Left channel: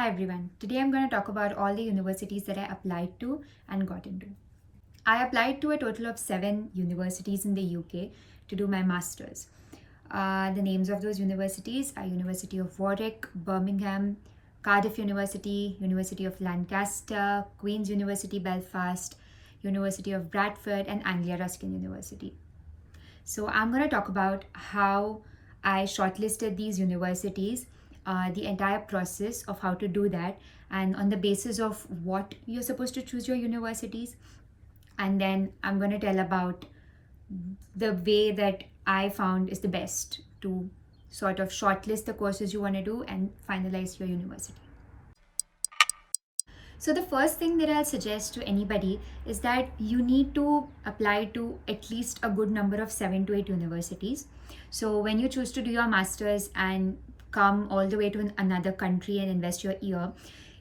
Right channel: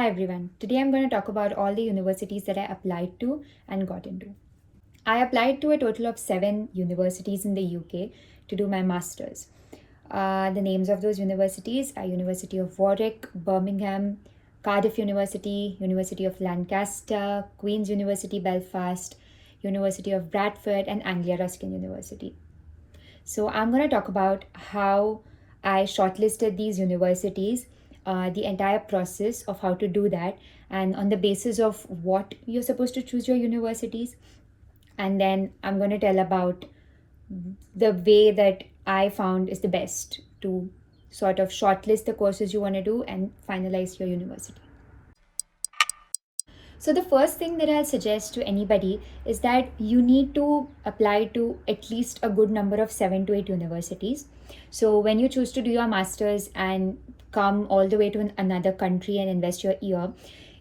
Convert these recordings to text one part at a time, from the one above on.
Hi everyone. Today I'm going to talk about all the universities that I applied to and got into. I applied to a total of 7 universities in the UK to do my masters. The names of those universities are University of Warwick, Birmingham, Cardiff University, University of Lancaster, Queen's University Belfast, University of Bradford, and Anglia Ruskin University. So I'm going to talk about how I shortlisted these universities, the entire process of how to do that, and on the basis of what you're supposed to choose your universities. And then I'm going to tell about the way that I found is the best to sort of shortlist the courses you want to do and finalize your university. So, the first thing that I'll suggest to anybody is that you need to apply to at least a good number of 7 to 8 universities. So, when you choose to do your master's and come all the way to another country and invest your year,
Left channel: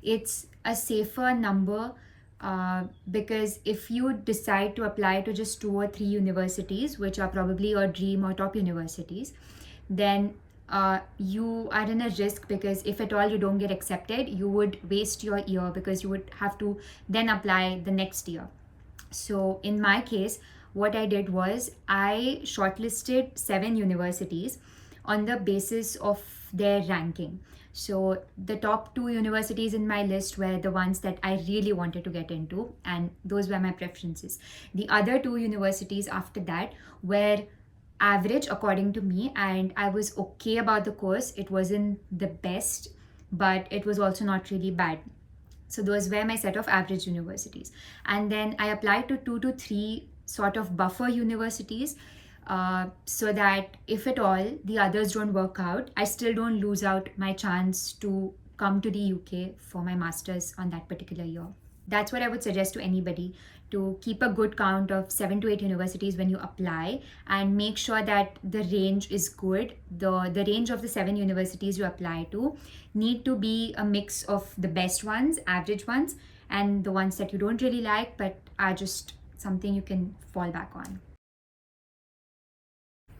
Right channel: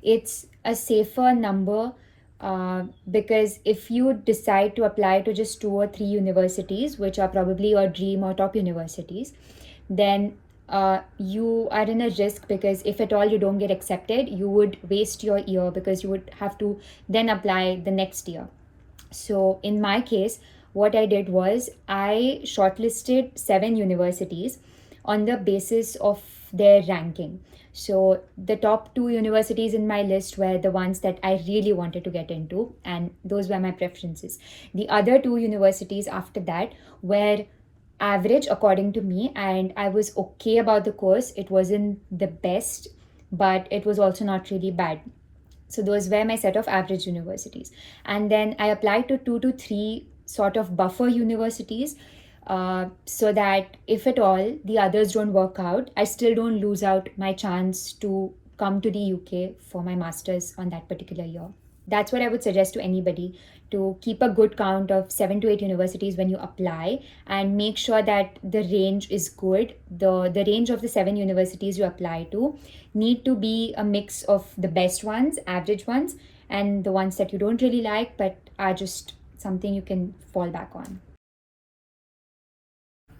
it's a safer number because if you decide to apply to just 2 or 3 universities, which are probably your dream or top universities, then you are in a risk because if at all you don't get accepted, you would waste your year because you would have to then apply the next year. So in my case, what I did was I shortlisted 7 universities on the basis of their ranking. So the top 2 universities in my list were the ones that I really wanted to get into, and those were my preferences. The other 2 universities after that were average according to me, and I was okay about the course. It wasn't the best, but it was also not really bad. So those were my set of average universities. And then I applied to 2 to 3 sort of buffer universities, so that if at all the others don't work out, I still don't lose out my chance to come to the UK for my masters on that particular year. That's what I would suggest to anybody, to keep a good count of 7 to 8 universities when you apply and make sure that the range is good. The range of the 7 universities you apply to need to be a mix of the best ones, average ones, and the ones that you don't really like but are just something you can fall back on.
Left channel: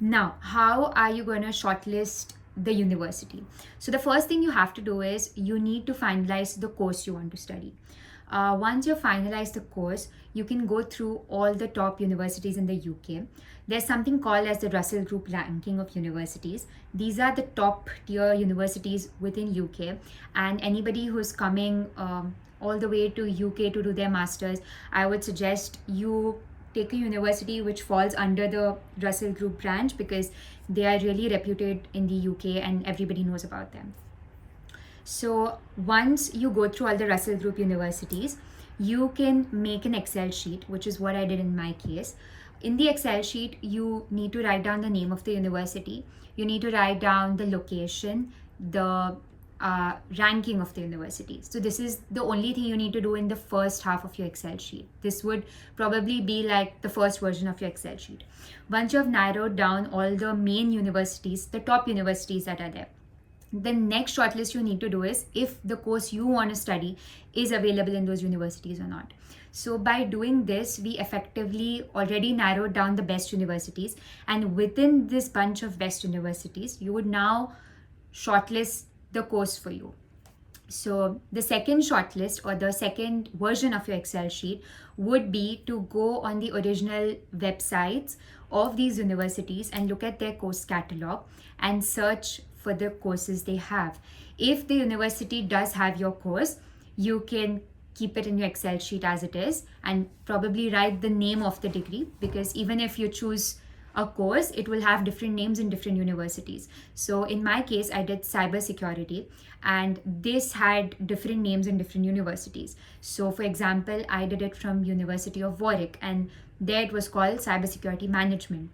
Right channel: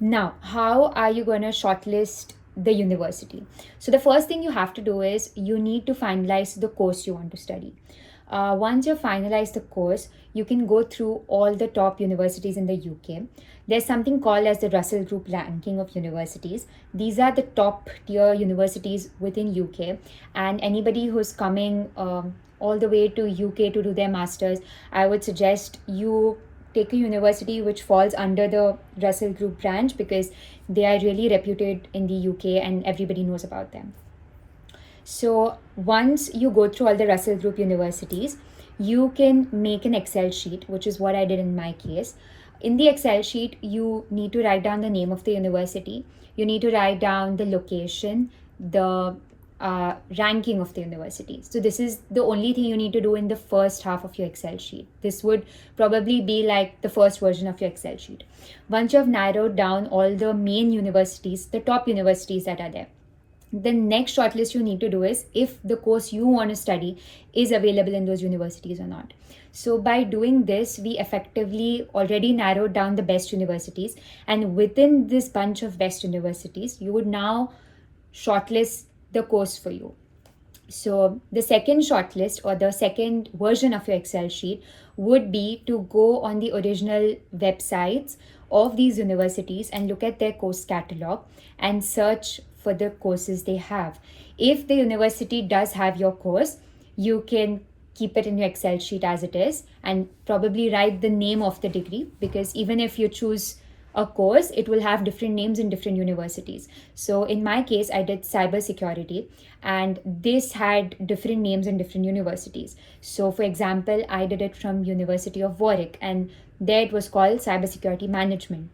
Now, how are you going to shortlist the university? So, the first thing you have to do is you need to finalize the course you want to study. Once you finalize the course, you can go through all the top universities in the UK. There's something called as the Russell Group ranking of universities. These are the top tier universities within UK, and anybody who's coming all the way to UK to do their masters, I would suggest you take a university which falls under the Russell Group branch because they are really reputed in the UK and everybody knows about them. So once you go through all the Russell Group universities, you can make an Excel sheet, which is what I did in my case. In the Excel sheet, you need to write down the name of the university. You need to write down the location, the ranking of the university. So this is the only thing you need to do in the first half of your Excel sheet. This would probably be like the first version of your Excel sheet. Once you have narrowed down all the main universities, the top universities that are there, the next shortlist you need to do is if the course you want to study is available in those universities or not. So by doing this, we effectively already narrowed down the best universities, and within this bunch of best universities, you would now shortlist the course for you. So the second shortlist or the second version of your Excel sheet would be to go on the original websites of these universities and look at their course catalog and search for the courses they have. If the university does have your course, you can keep it in your Excel sheet as it is and probably write the name of the degree, because even if you choose a course, it will have different names in different universities. So in my case, I did cybersecurity, and this had different names in different universities. So for example, I did it from University of Warwick, and there it was called cybersecurity management.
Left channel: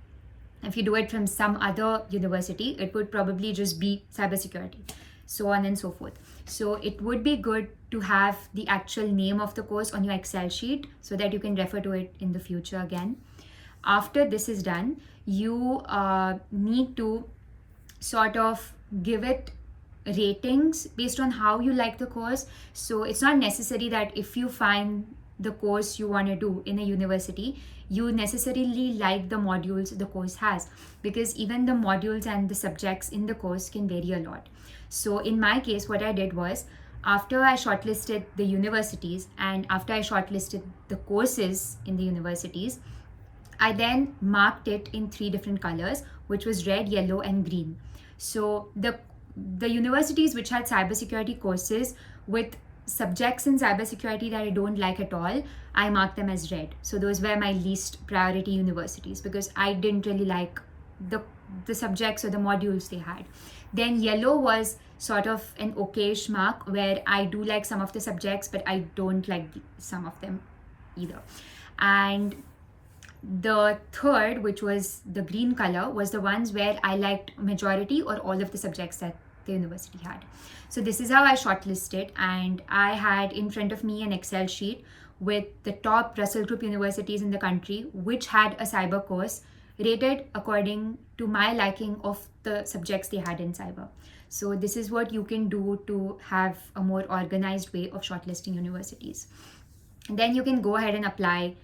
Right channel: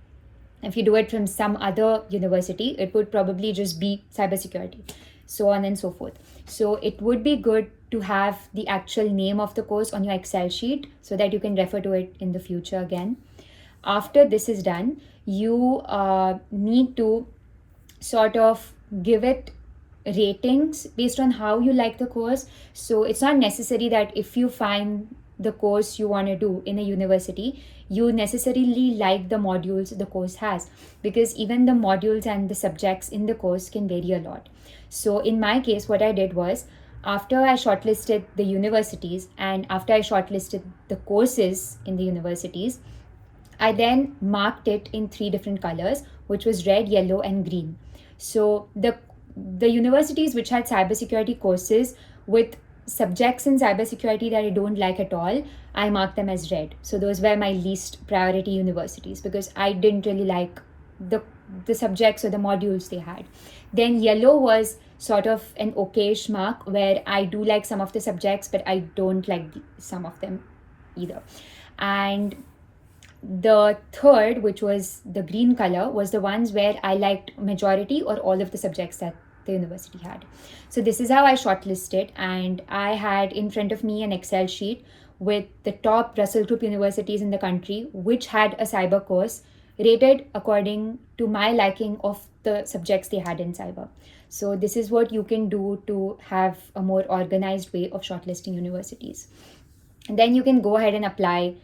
If you do it from some other university, it would probably just be cybersecurity, so on and so forth. So it would be good to have the actual name of the course on your Excel sheet so that you can refer to it in the future again. After this is done, you need to sort of give it ratings based on how you like the course. So it's not necessary that if you find the course you want to do in a university, you necessarily like the modules the course has, because even the modules and the subjects in the course can vary a lot. So in my case, what I did was After I shortlisted the universities and after I shortlisted the courses in the universities, I then marked it in three different colors, which was red, yellow, and green. So the universities which had cybersecurity courses with subjects in cybersecurity that I don't like at all, I marked them as red. So those were my least priority universities because I didn't really like the the subjects or the modules they had. Then yellow was sort of an okayish mark where I do like some of the subjects, but I don't like some of them either. And the third, which was the green color, was the ones where I liked majority or all of the subjects that the university had. So this is how I shortlisted, and I had in front of me an Excel sheet with the top Russell Group universities in the country which had a cyber course rated according to my liking of the subjects they had in cyber. So this is what you can do to have a more organized way of shortlisting universities. And then you can go ahead and apply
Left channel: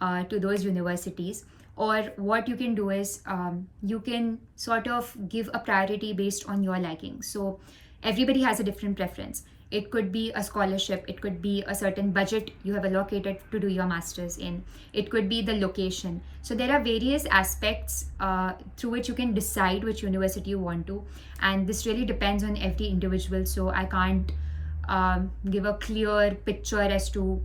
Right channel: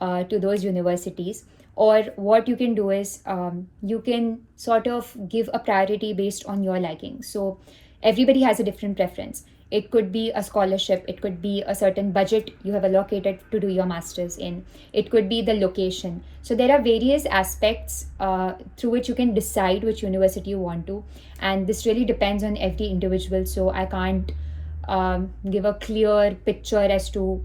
to those universities. Or what you can do is you can sort of give a priority based on your liking. So everybody has a different preference. It could be a scholarship, it could be a certain budget you have allocated to do your master's in, it could be the location. So there are various aspects through which you can decide which university you want to, and this really depends on every individual. So I can't give a clear picture as to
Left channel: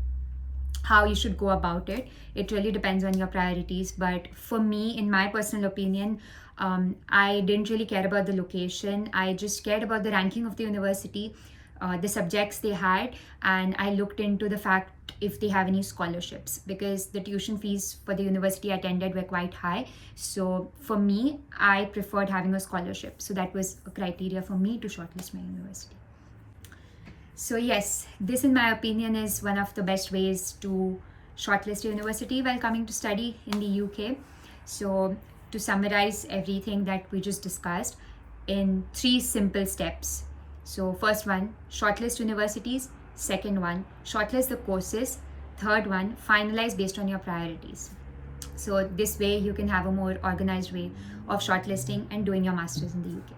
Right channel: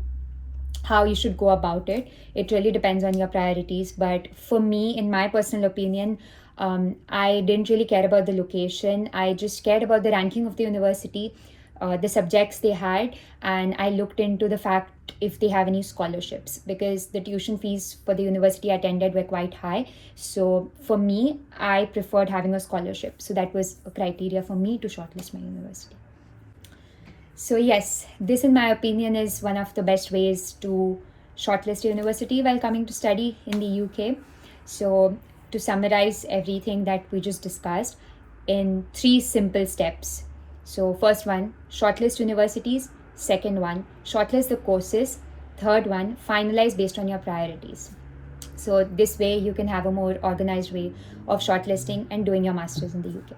how you should go about it. It really depends on your priorities. But for me, in my personal opinion, I didn't really care about the location. I just cared about the ranking of the university, the subjects they had, and I looked into the fact if they have any scholarships, because the tuition fees for the university I attended were quite high. So for me, I preferred having a scholarship. So that was a criteria for me to shortlist my university. So yes, this in my opinion is one of the best ways to shortlist a university while coming to study in the UK. So to summarize everything that we just discussed in three simple steps. So first one, shortlist universities. Second one, shortlist the courses. Third one, finalize based on your priorities. So this way you can have a more organized way of shortlisting and doing your masters in the UK.